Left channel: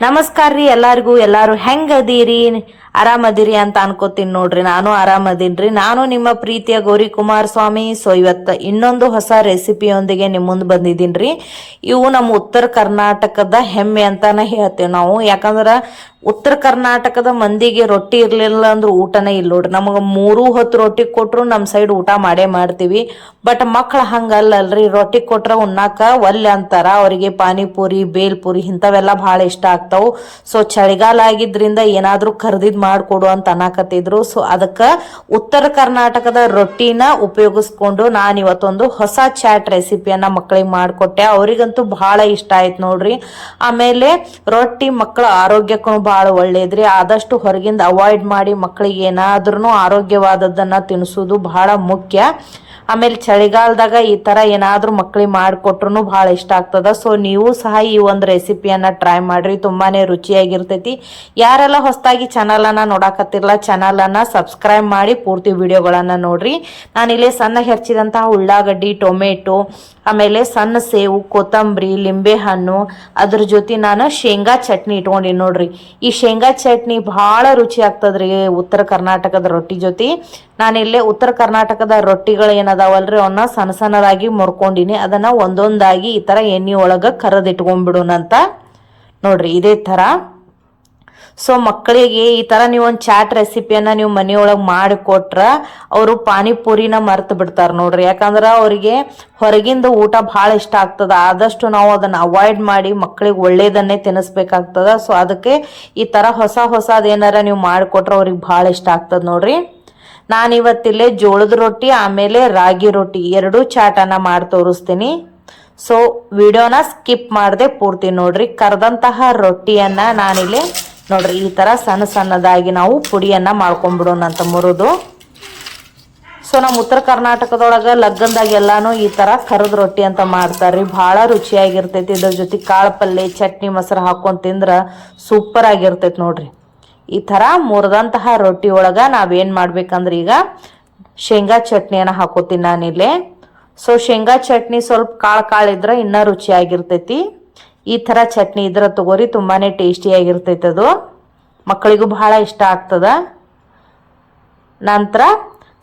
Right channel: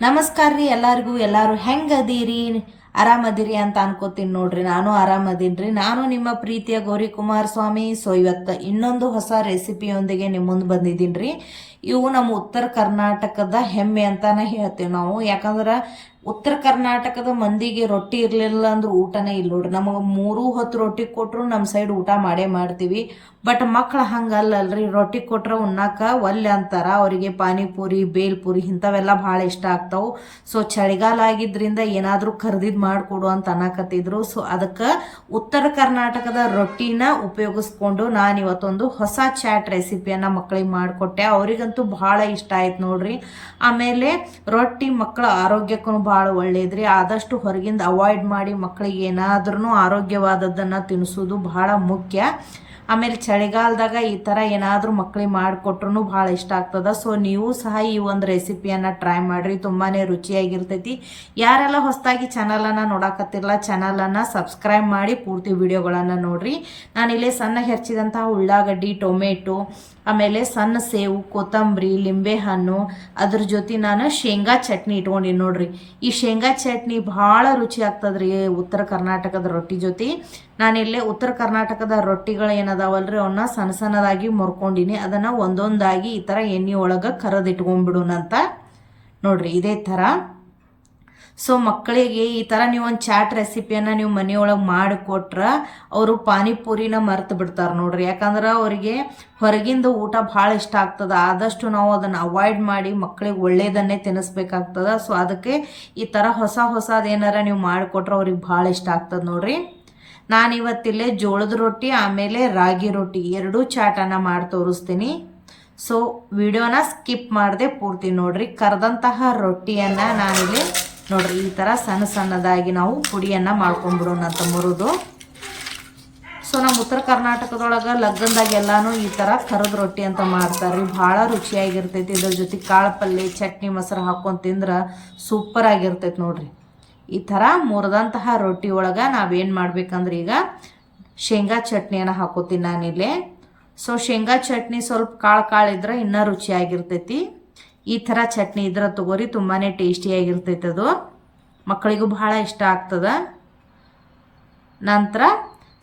ನಮಸ್ಕಾರ ರೀ ಎಲ್ಲಾರಿಗೂ ಎಲ್ಲಾರು ಹೆಂಗ್ ಅದೀರಿ? ಆರಾಮದಿರಿ ಅಂತ ಅನ್ಕೋತೀನಿ ನೋಡ್ರಿ. ನಾನು ಆರಾಮದೀನ್ರಿ. ನಾನು ನಿಮ್ಮ ಪ್ರೀತಿಯ ಗೌರಿ ಕುಮಾರ್ ಸ್ವಾಮಿ ಸೊ ಇವತ್ತು ಇನ್ನೊಂದು ಹೊಸ ರೆಸಿಪಿಯೊಂದಿಗೆ ನಿಮ್ಮ ಮುಂದೆ ಬಂದಿದ್ದೀನ್ರಿ. ಇವು ನಮ್ಮ ಉತ್ತರ ಕರ್ನಾಟಕದ ಹೆಮ್ಮೆ ಅಂತಾನೆ ಹೇಳ್ತೇವೆ ನಾವು. ಯಾಕಂದ್ರೆ ಉತ್ತರ ಕರ್ನಾಟಕದ ಮಂದಿಗೆ ರೊಟ್ಟಿ ಇರಲಿಲ್ಲ ಅಂದ್ರೆ ಊಟನೇ ಇಲ್ಲ ನೋಡ್ರಿ. ನಮಗೆ ಮೂರು ಹೊತ್ತು ರೊಟ್ಟಿ ಕೊಟ್ರು ನಮ್ಮ ಸೈಡ್ ಊಟ ಮಾಡೇ ಮಾಡ್ತೀವಿ. ಬಟ್ ಮಕ್ಳು ಹಂಗಲ್ಲಲ್ರಿ. ರೊಟ್ಟಿ ಕೊಟ್ರೆ ಉಣ್ಣಾಕ ಒಲ್ಲೆ ಅಂತಾರ. ಅವರಿಗೆ ಪಾನಿಪುರಿ, ಬೇಲ್ಪುರಿ ಇಂಥವೆಲ್ಲ ಭಾಳ ಇಷ್ಟ ಆಗ್ತಾವು. ಸೊ ಚಳಿಗಾಲ ಆಗಿದ್ರಿಂದ ಏನಾದರೂ ಕರ್ದಿದ್ ಮಾಡ್ಕೊಡು ಅಂತ ಅನ್ನಕತ್ತಿದ್ರು. ಸೊ ಅದಕ್ಕೆ ಉತ್ತರ ಕರ್ನಾಟಕದ ರೊಟ್ಟಿನ ಉಪಯೋಗಿಸ್ಕೊಂಡು ನಾನು ಇವತ್ತೊಂದು ಹೊಸ ಚಾಟ್ ರೆಸಿಪಿಯನ್ನ ಮಕ್ಕಳಿಗೆ ಮಾಡಿಕೊಟ್ಟೆ. ಅವರಿಗಂತೂ ಬಹಳ ಇಷ್ಟ ಆಯ್ತು ನೋಡ್ರಿ. ಆಮೇಲೆ ರೊಟ್ಟಿ ಮಕ್ಕಳ ಆರೋಗ್ಯಕ್ಕೂ ಬಹಳ ಒಳ್ಳೇದ್ರಿ. ಆದಷ್ಟು ಹೊರಗಿಂದ ಅವಾಯ್ಡ್ ಮಾಡಿ ಮಕ್ಕಳಿಗೆ ಏನಾದ್ರೂ ಆರೋಗ್ಯವಾದದ್ದನ್ನ ತಿನ್ನಿಸೋದು ಬಹಳ ಮುಖ್ಯ. ಆಮೇಲೆ ಚಳಿಗಾಲದಾಗ ಈ ತರ ಏನಾದ್ರೂ ಮಕ್ಕಳಿಗೆ ಮಾಡಿಕೊಟ್ರು ಬಹಳ ಇಷ್ಟ ಆಗ್ತದ. ಸೊ ನೀವು ಸಹ ಈ ಒಂದು ರೆಸಿಪಿಯನ್ನ ಟ್ರೈ ಮಾಡ್ರಿ. ತುಂಬಾನೇ ರುಚಿಯಾಗಿರ್ತೈತಿ. ಯಾರೆಲ್ಲ ಹೊಸದಾಗಿ ಚಾನಲ್ ಅನ್ನ ನೋಡಾಕತ್ತಿರಲ್ಲ ಚಾನಲನ್ನು ಸಬ್ಸ್ಕ್ರೈಬ್ ಮಾಡಿ ಪೂರ್ತಿ ವಿಡಿಯೋಗಳನ್ನ ನೋಡ್ರಿ. ನಾನಿಲ್ಲಿ ಸಣ್ಣ ಹೆಚ್ಚಿದಂತಹ ಉಳ್ಳಾಗಡ್ಡಿ, ಟೊಮೆಟೊ, ಆಮೇಲೆ ಸಣ್ಣ ಸೇವು, ಕೊತ್ತಂಬರಿ, ಲಿಂಬೆ ಹಣ್ಣು, ಅದ್ರ ಜೊತೆ ನಾನು ಶೇಂಗಾ ಚಟ್ನಿ ಇಟ್ಕೊಂಡಿ ನೋಡ್ರಿ. ಈ ಶೇಂಗಾ ಚಟ್ನಿ ಬಹಳ ರುಚಿ ಆಗ್ತದ್ರಿ ಉತ್ತರ ಕರ್ನಾಟಕದ ರೊಟ್ಟಿ ಜೊತೆ. ನಾನಿಲ್ಲೇ ಉತ್ತರ ಕರ್ನಾಟಕದ ರೊಟ್ಟಿಗಳು ಏನದಾವಲ್ರಿ ಅವನ್ನ ಸಣ್ಣ ಸಣ್ಣದಾಗಿ ಮುರ್ಕೊಂಡಿನಿ. ಅದನ್ನ ಒಂದೊಂದಾಗಿ ಈ ತರ ಎಣ್ಣೆ ಒಳಗ ಕರದಿಟ್ಕೊಂಡ್ಬಿಡೋಣಂತ ನೋಡ್ರಿ, ಇದೇ ತರ. ಸೊ ಮಕ್ಕಳಿಗೆ ಈ ತರ ನೀವು ಒಂದು ಚಾಟ್ ರೆಸಿಪಿಯನ್ನ ನೀವು ಮನೆಯೊಳಗೆ ಮಾಡಿಕೊಟ್ರ ಅವರು ಪಾನಿಪುರಿನ ಮರೆತು ಬಿಡ್ತಾರೆ ನೋಡ್ರಿ. ಯಾಕಂದ್ರೆ ಅವರಿಗೆ ಹೊರಗಿಂದ ಊಟ ಭಾಳ ಇಷ್ಟ ಆಗ್ತದ. ಆದಷ್ಟು ನಾವು ಅದನ್ನ ಅವಾಯ್ಡ್ ಮಾಡಿ ಮಕ್ಕಳಿಗೆ ಒಳ್ಳೇದನ್ನೇ ತಿನ್ನಿಸ್ಬೇಕಾಗ್ತದ ಸೊ ಅದಕ್ಕೆ ಈ ತರ ಹೊಸ ಹೊಸದೇನಾರ ನೀವು ಮಾಡಿಕೊಟ್ರೆ ಅವ್ರಿಗೆ ಭಾಳ ಇಷ್ಟ ಆಗ್ತದ ನೋಡ್ರಿ. ನಾನಿವತ್ತಿಲ್ಲೇ ಜೋಳದ ರೊಟ್ಟಿ, ಆಮೇಲೆ ರಾಗಿ ರೊಟ್ಟಿ ಎರಡೂ ಚಾಟನ್ನ ಮಾಡಿ ತೋರಿಸ್ತೀನಿ. ಸೊ ವಿಡಿಯೋನ ಸ್ಕಿಪ್ ಮಾಡದೆ ಪೂರ್ತಿ ನೋಡ್ರಿ. ಕರೆದಂತಹ ರೊಟ್ಟಿಯನ್ನ ನಾನಿಲ್ಲಿ ನೋಡ್ರಿ, ಈ ತರ ಸಣ್ಣ ಸಣ್ಣದಾಗಿ ನಾವು ಪುಡಿಯನ್ನ ಮಾಡ್ಕೊಂಡ್ಬಿಡೋಣ ಅಂತ ಮುರಿದು. ಸೊ ನಮ್ಮ ಉತ್ತರ ಕರ್ನಾಟಕದೊಳಗ ಲಗ್ನದಾಗ ಎಲ್ಲಾನು ಈ ತರ ಕರದ ರೊಟ್ಟಿ ಅಂತ ಮಾಡ್ತಾರ್ರಿ. ಬಹಳ ರುಚಿಯಾಗಿರ್ತೈತಿ. ಇದ್ರ ಜೊತೆ ಕಾಳು ಪಲ್ಯ ಚಟ್ನಿ, ಮೊಸರು ಹಾಕೊಂಡ್ ತಿಂದ್ರ ಸೂಪರ್ ಆಗಿರ್ತೈತಿ ನೋಡ್ರಿ. ಈ ತರ ಮುರಿದಂತಹ ರೊಟ್ಟಿ ಒಳಗ ನಾವೇನ್ ಮಾಡ್ಬೇಕಂದ್ರೆ ಈಗ ಶೇಂಗಾ ಚಟ್ನಿಯನ್ನ ಹಾಕೋತೀನಿ ನಾನಿಲ್ಲಿ. ಸೊ ಶೇಂಗಾ ಚಟ್ನಿ ಸ್ವಲ್ಪ ಕಾಳು ಕಾಳು ಇದ್ರೆ ಇನ್ನೂ ರುಚಿಯಾಗಿರ್ತೈತಿ. ಈ ಥರ ಚಟ್ನಿ ಇದ್ರೆ ತಗೋರಿ ತುಂಬಾನೇ ಟೇಸ್ಟಿಯಾಗಿರ್ತೈತೆ ಅದು. ಮಕ್ಕಳಿಗೂ ಬಹಳ ಇಷ್ಟ ಆಗ್ತದ. ನಂತರ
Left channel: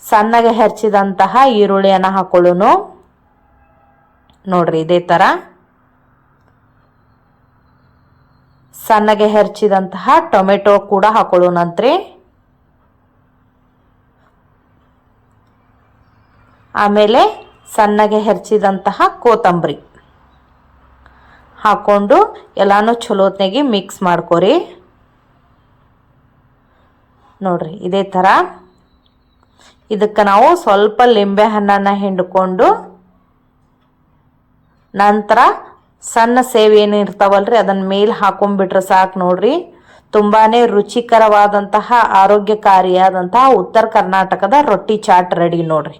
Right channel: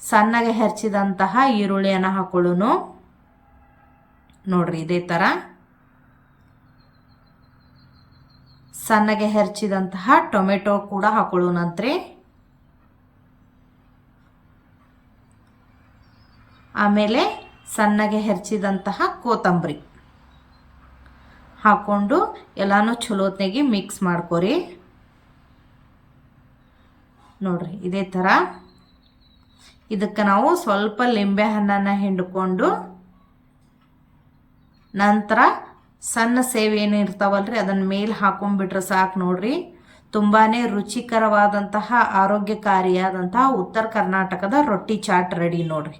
ಸಣ್ಣಗೆ ಹೆರ್ಚಿದಂತಹ ಈರುಳ್ಳಿಯನ್ನು ಹಾಕೊಳ್ಳೋನು. ನೋಡ್ರಿ ಇದೇ ಥರ ಸಣ್ಣಗೆ ಹೆರ್ಚಿದಂತಹ ಟೊಮೆಟೊ ಕೂಡ ಹಾಕೊಳ್ಳೋಣಂತ್ರಿ ಆಮೇಲೆ ಸಣ್ಣಗೆ ಹೆರ್ಚಿದಂತಹ ಕೊತ್ತಂಬರಿ ಹಾಕೊಂಡು ಎಲ್ಲಾನು ಚಲೋತ್ನಾಗಿ ಮಿಕ್ಸ್ ಮಾಡ್ಕೊರಿ. ನೋಡ್ರಿ, ಇದೇ ಥರ ಇದಕ್ಕೆ ನಾವು ಸ್ವಲ್ಪ ಲಿಂಬೆ ಹಣ್ಣನ್ನು ಹಿಂಡ್ಕೊಂಡು ನಂತರ ಸಣ್ಣ ಸೇವೆ ಏನು ಇರ್ತಾವಲ್ರಿ, ಅದನ್ನ ಮೇಲೆ ಹಾಕೊಂಡ್ಬಿಟ್ರೆ ಸಾಕು ನೋಡ್ರಿ. ತುಂಬಾನೇ ರುಚಿಕರವಾದಂತಹ, ಆರೋಗ್ಯಕಾರಿಯಾದಂತಹ ಉತ್ತರ ಕರ್ನಾಟಕದ ರೊಟ್ಟಿ ಚಾಟ್ ರೆಡಿ ನೋಡ್ರಿ.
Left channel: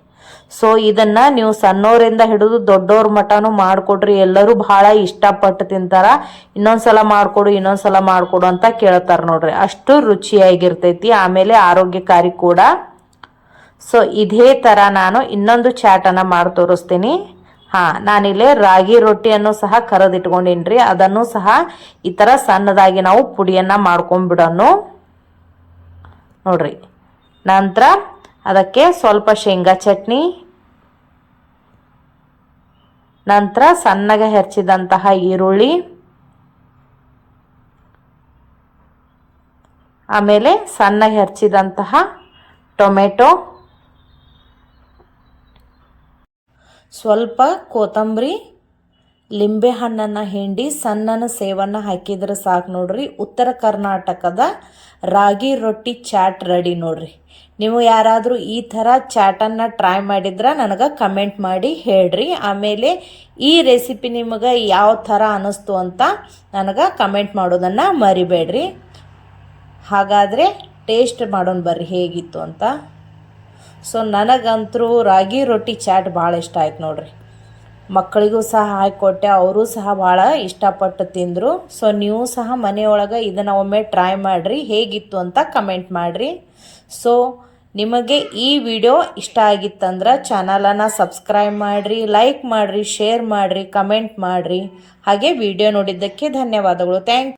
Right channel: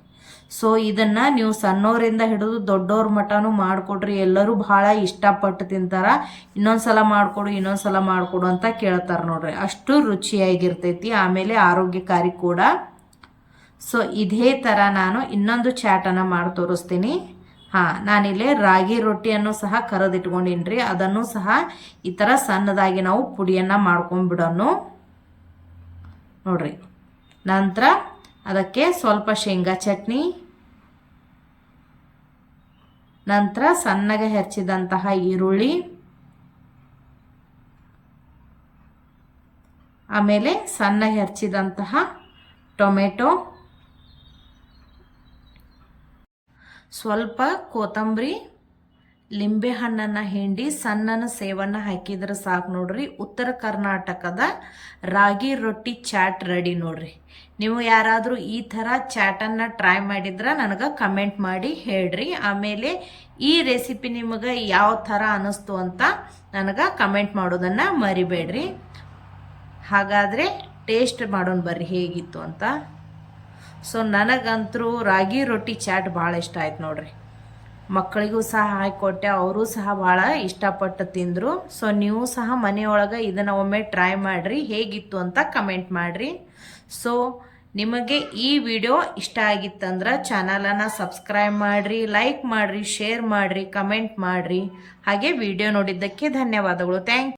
ಸೊ ಇದನ್ನ ನೀವು ಸಣ್ಣವರಿಂದ ಹಿಡಿದು ದೊಡ್ಡವ್ರ ಮಟನು ಮಾಡಿಕೊಡ್ರಿ ಎಲ್ಲರೂ ಬಹಳ ಇಷ್ಟಪಟ್ಟು ತಿಂತಾರ. ಇನ್ನೊಂದ್ಸಲ ಮಾಡಿಕೊಡು ಇನ್ನೊಂದ್ಸಲ ಮಾಡಿಕೊಡು ಅಂತ ಕೇಳ್ತಾರ ನೋಡ್ರಿ. ಅಷ್ಟು ರುಚಿಯಾಗಿರ್ತೈತಿ, ಆಮೇಲೆ ಆರೋಗ್ಯಕಾರಿ ಕೂಡ. ಸೊ ಇದೇ ತರ ನಾನು ಇನ್ನೊಂದು ಚಾಟನ್ನು ಮಾಡಿ ತೋರಿಸ್ತೀನಿ. ಹಾ, ನಾನಿಲ್ಲೇ ರಾಗಿ ರೊಟ್ಟಿಯನ್ನು ಸಹ ಕರೆದಿಟ್ಕೊಂಡಿನ್ರಿ. ಅದನ್ನು ಸಹ ಈ ತರ ಸಣ್ಣದಾಗಿ ನಾವು ಪುಡಿಯನ್ನ ಮಾಡ್ಕೊಂಡ್ಬಿಡೋನು ನೋಡ್ರಿ. ನಂತರ ಅದಕ್ಕೆ ಸ್ವಲ್ಪ ಶೇಂಗಾ ಚಟ್ನಿ, ನಂತರ ಸಣ್ಣಗೆ ಹೆಚ್ಚಿದಂತಹ ಈರುಳ್ಳಿ, ಆಮೇಲೆ ಸಣ್ಣಗೆ ಹೆರ್ಚಿದಂತಹ ಟೊಮೆಟೊ, ಸ್ವಲ್ಪ ಕೊತ್ತಂಬರಿ, ಲಿಂಬೆ ಹಣ್ಣನ್ನು ಹಿಂಡಿ ಸಣ್ಣನ ಸೇವನ್ನು ಹಾಕಿದ್ರೆ ಸಾಕು ನೋಡ್ರಿ. ಉತ್ತರ ಕರ್ನಾಟಕದ ರಾಗಿ ರೊಟ್ಟಿ ಚಾಟ್ ರೆಡಿ ನೋಡ್ರಿ. ನೀವು ಯಾರಾದರೂ ಈ ಥರ ಚಾಟನ್ನು ಟ್ರೈ ಮಾಡಿದ್ರೆ ನನಗೆ ಕಮೆಂಟ್ ಮಾಡಿ ಹೇಳ್ರಿ. ಆಮೇಲೆ ಈ ರೆಸಿಪಿ ನಿಮಗೆ ಯಾವ ಥರ ಅನ್ನಿಸ್ತು ಅಂತ ನನಗೆ ಕಮೆಂಟ್ ಮಾಡೋದನ್ನು ಮರಿಬೇಡ್ರಿ. ಹಾಗಾದರೆ ಟೇಸ್ಟ್ ಮಾಡೋಣ ಬರ್ರಿ ಹೇಗಿತ್ತು ಅಂತ. ಸೊ ನನಗಂತರೂ ರಾಗಿ ರೊಟ್ಟಿ ಚಾಟ್ ಭಾಳ ಇಷ್ಟ ಆಯ್ತು ನೋಡ್ರಿ. ಮಕ್ಕಳಿಗೂ ಸಹ ಹಾಕಿಕೊಟ್ಟೆ ಅವರು ಸಹ ಭಾಳ ಇಷ್ಟಪಟ್ಟು ತಿಂದರು. ಸೊ ನೀವು ಸಹ ಮನೆಯೊಳಗೆ ಇದನ್ನು ಒಮ್ಮೆ ಟ್ರೈ ಮಾಡಿರಿ, ಹೇಗಿತ್ತು ಅಂತ ಕಮೆಂಟ್ ಮಾಡಿರಿ. ಸೊ ನಿಮಗೆ ಈ ವಿಡಿಯೋ ಇಷ್ಟ ಆಗಿತ್ತಂದ್ರೆ ಚಾನಲನ್ನು ಸಬ್ಸ್ಕ್ರೈಬ್ ಮಾಡಿರಿ, ಲೈಕ್ ಮಾಡಿರಿ, ಶೇರ್ ಮಾಡಿರಿ, ಕಮೆಂಟ್ ಮಾಡಿರಿ. ಹಾಗೆ ವಿಡಿಯೋ ನೋಡಿದ್ದಕ್ಕೆ ಧನ್ಯವಾದಗಳು. ಥ್ಯಾಂಕ್